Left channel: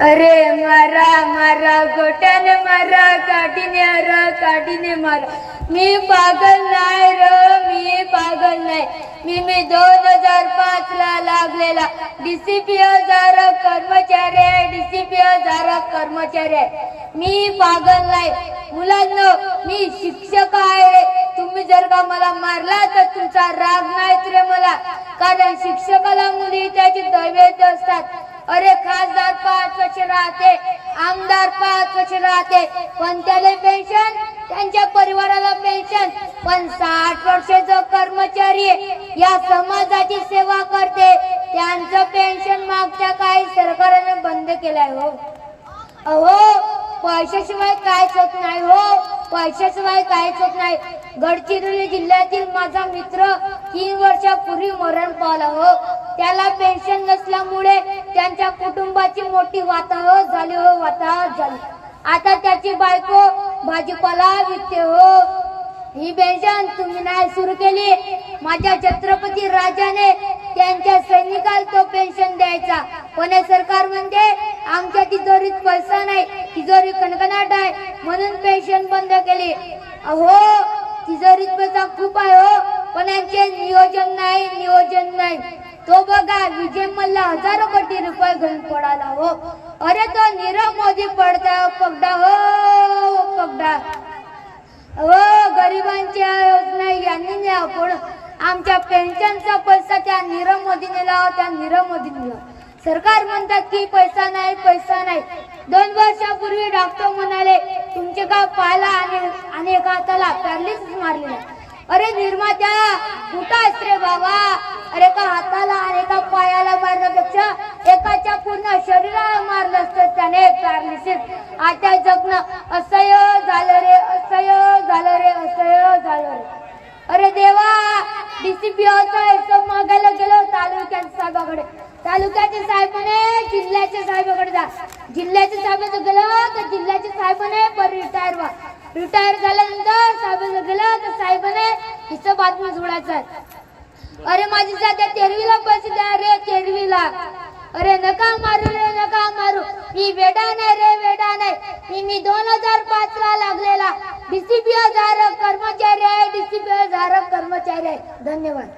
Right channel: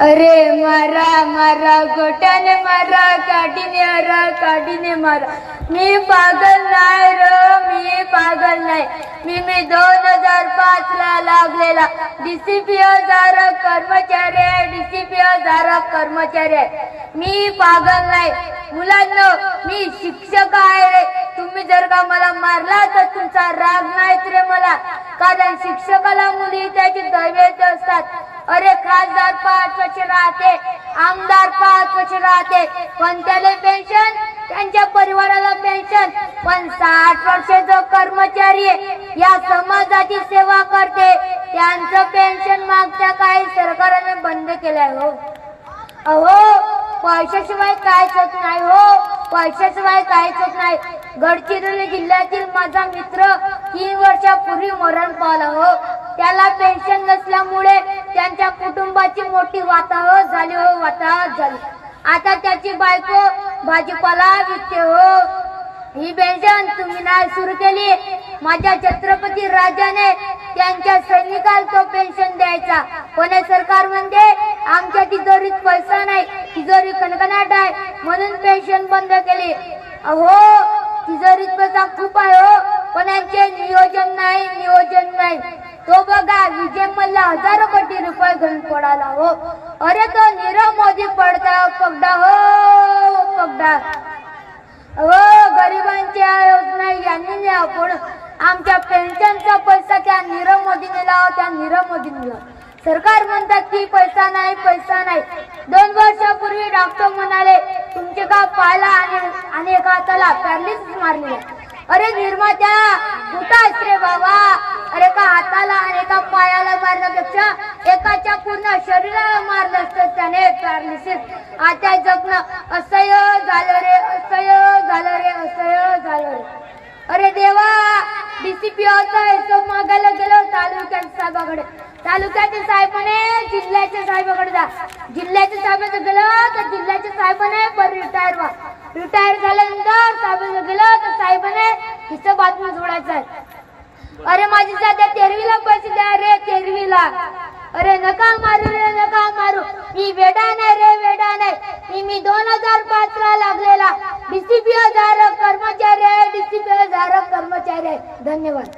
अरे मारा मारा गोट्याने मारा काठीने हरा काठीने मारा. मी पागल नाही र मी पागल नाही. मी मी दोन हजार पाच ला लागलेला. डीसीपी हजार कर्मचारी आहे डीसीपी हजार कर्मचारी आहे. मी पागल नाही. मुलांना मी शिक्षक आहे. रे तुम्ही जर का मला मारला तर तुमचा राग नाहीत रे मला. कारण शिक्षकाला मुली त्याची दैवेत असतात. अरे खासदार पाच वर्ष राहते आमदार पाच वर्ष राहते पण त्याला पेन्शन त्यांच्या परिवाराला पेन्शन पण साठ वर्षाचा कर्मचारी या समाजाची सेवा करते. त्यांचं पेन्शन मागच्या काही सरकारने बंद केलंय हो. अहो पैशाशिवाय काहीच होत नाही हो. पैशाशिवाय काहीच होत नाही. गडचिरोली जिल्ह्यातील माझा मित्र तीन वर्षापूर्वी मरण पावला हो. त्याला पेन्शन नसल्यामुळे त्यांच्या कुटुंबाची मोठी वाताहत झाली हो वाताहत झाली. आता त्याची बायको भाजीपाला विकते हो. ही पेन्शन तुम्ही नाही सुरू केली. माझ्या छत्रपती राजाने त्यांच्या सैनिकाला तो पेन्शन द्यायचा. पण सरकार म्हणते आमच्या तिजोरीत पैसा नाही तिजोरी कणकणाट आहे. म्हणून पेन्शन बंद केली. हो तिजोरीत पैसा खूप आहे हो. पण यांचे नियोजन नाही नियोजन नाही. तो बघा विजय मल्ला हजारो कोटी रुपये घेऊन पडाला हो. अरे तो नीरव मोदी पडता पगडा हो पगडा हो गरिबांच्या योजना यांनी न्याव पण आमच्या पेन्शनचा पैसा त्या नीरव मोदीने लावा त्या नीरव मोदीने लावा सरकार म्हणतात की पैसा नाही पैसा नाही. दोन वर्षापूर्वी डॉक्टर म्हणाले तुमचे का पायाला आणि एका हाताला पॅरलिसिस मारलेला अरे निर्मात्या कुठं रे बाबा? अरे एका हाताला आणि एका पायाला मारण्यापेक्षा एकाच्या पूर्ण शरीराला मारलं असतं त्याने पॅरालिसिस आता जगणं असह्य झालं रे असह्य झालं रे असह्य झालं रे. अरे देवा डीसीपी हिशोब मागायला गेलो तालुक्याच्या साहेबाकडे. तालुक्याच्या साहेबाने जिल्ह्याच्या साहेबाकडे जा. जिल्ह्याच्या साहेबाचं गेलं तर जिल्ह्याच्या साहेबाने पर रिटायर व्हा. रिटायर झाल्यानंतर साहेब गेलं तर साहेबाने हिशोब बातमी जोडायचं अरे माझी सध्या तेरवीला पैसे द्या रे तेरवीला. अरे नका मारू रे नका मारू. मी वेडा नाही रे वेडा नाही. मी मी दोन हजार पाच ला लागलेला. डीसीपी हजार कर्मचारी आहे डीसीपी हजार कर्मचारी आहे. धन्यवाद.